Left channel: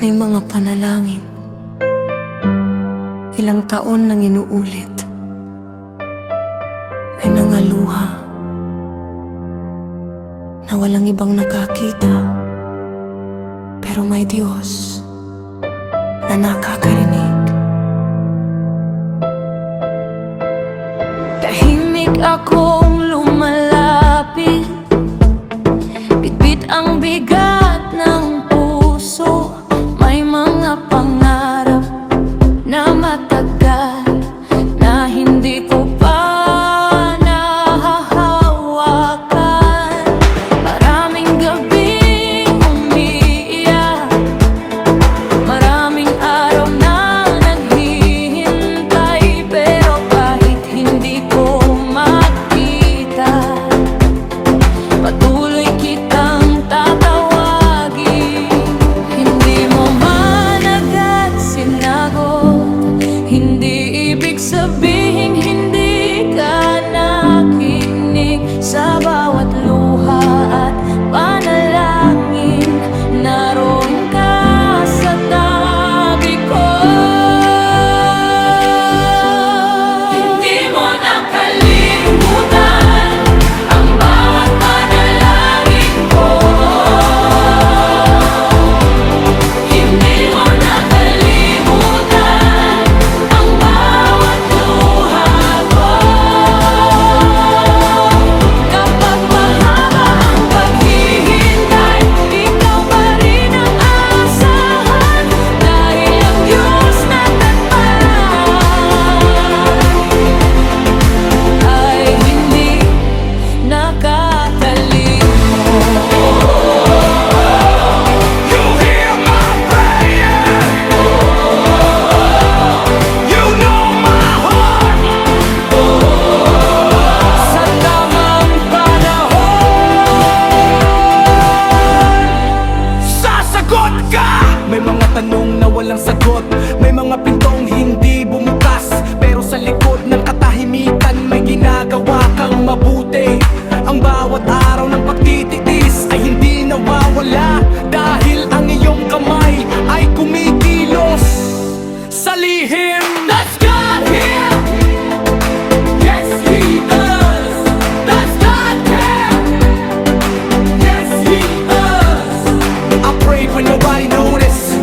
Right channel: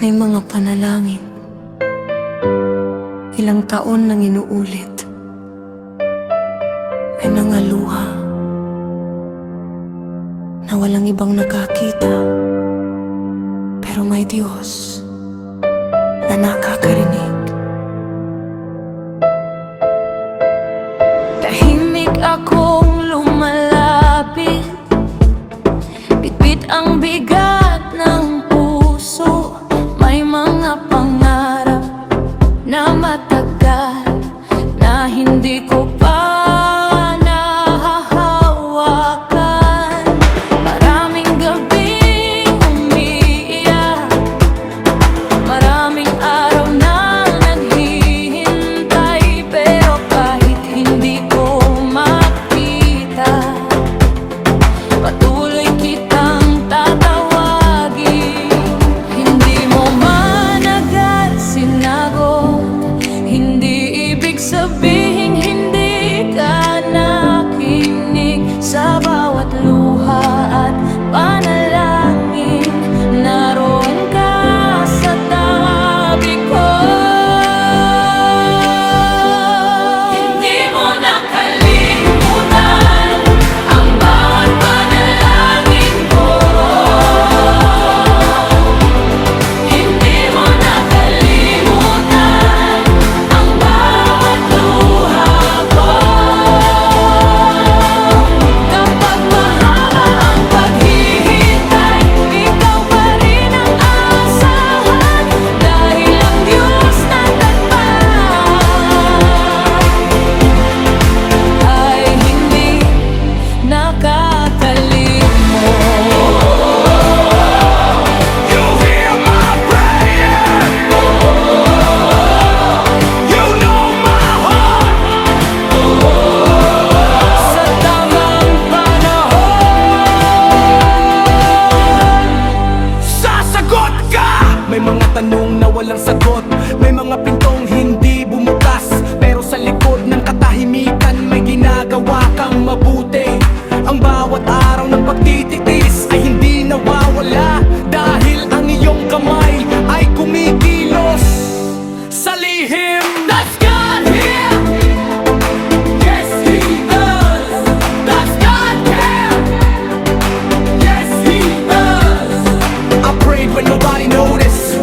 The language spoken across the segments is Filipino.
May mga panalangin, ilang taon nang inuulit. May mga luha na walang ibang nakakita, pero may Diyos na nakakarinig. Tahimik akong lumalapit, bitbit ang bigat ng puso. May mga pangarap na matagal na hindi ko pa nahahawakan. Maraming gabing umiiyak, maraming araw na naghihintay, pero kahit hindi ko makita, patuloy kitang tatawagin. Hindi mo man agad sinagot, hindi ibig sabihing hindi ka nakinig sa bawat luha at panalangin. Naroon ka sa tabi ko. Hindi mo nakalimutan ang bawat panalangin ko. Hindi mo nakalimutan ang bawat luha ko. Kapag mahaba ang paghihintay, ikaw pa rin ang asahan, dahil ang Diyos na tatpat ay hindi nakakalimot. You hear my prayer. You know my heart. Sa tamang panahon, Sasagot ka! May mga tanong na walang sagot, may mga pintong hindi bumukas, pero sa likod ng katahimikan may ginagawa kang mabuti. Ang bawat araw ng pagtitiis ay hindi nawawala, dahil ang iyong kamay ay kumikilos sa lihim. That's God here! Yes, He does! Does God care? Yes, He does! I prayed when nobody noticed,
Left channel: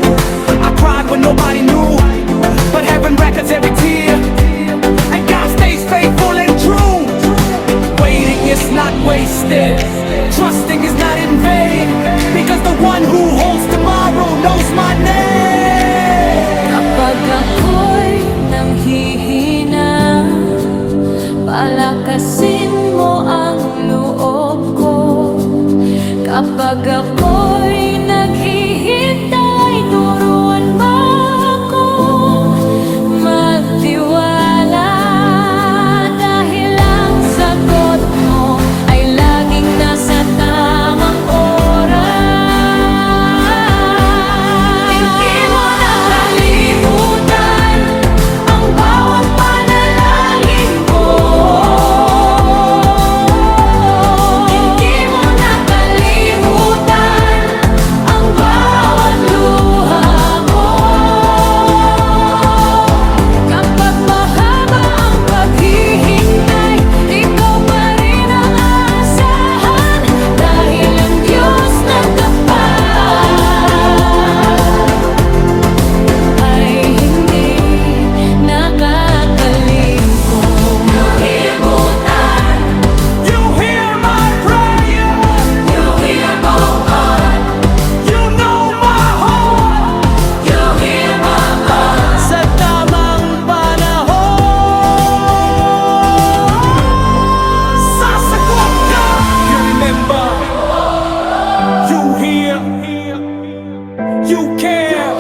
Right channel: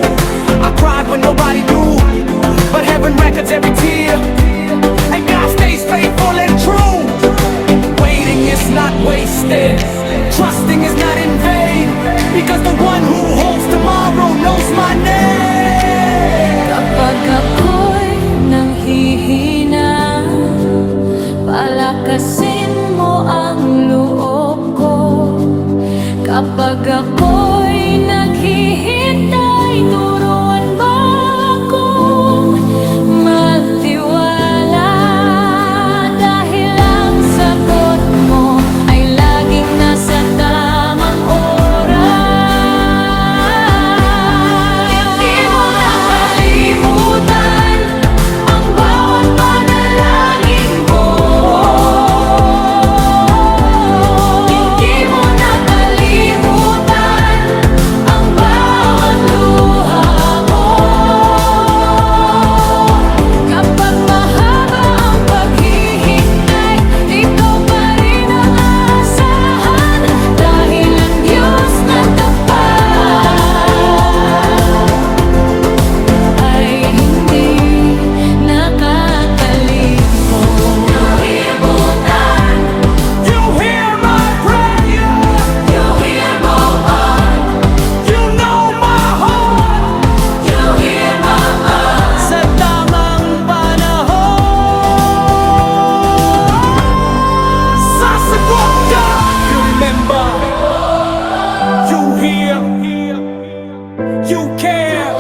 I cried when nobody knew, but heaven records every tear, and God stays faithful and true. Waiting is not wasted, trusting is not in vain, because the one who holds tomorrow knows my name. kapag ako'y nanghihina, palakasin mo ang loob ko. Kapag ako'y naghihintay, turuan mo akong magtiwala, dahil ang sagot mo ay laging nasa tamang oras. Hindi mo nakalimutan ang bawat panalangin ko. Hindi mo nakalimutan ang bawat luha ko. Kapag mahaba ang paghihintay, ikaw pa rin ang asahan, dahil ang Diyos na tapat ay hindi nakakalimot. You hear my prayer, You hear my heart, you know my heart. you hear my heart. Sa tamang panahon, sasagot ka. You remember, you hear, you care.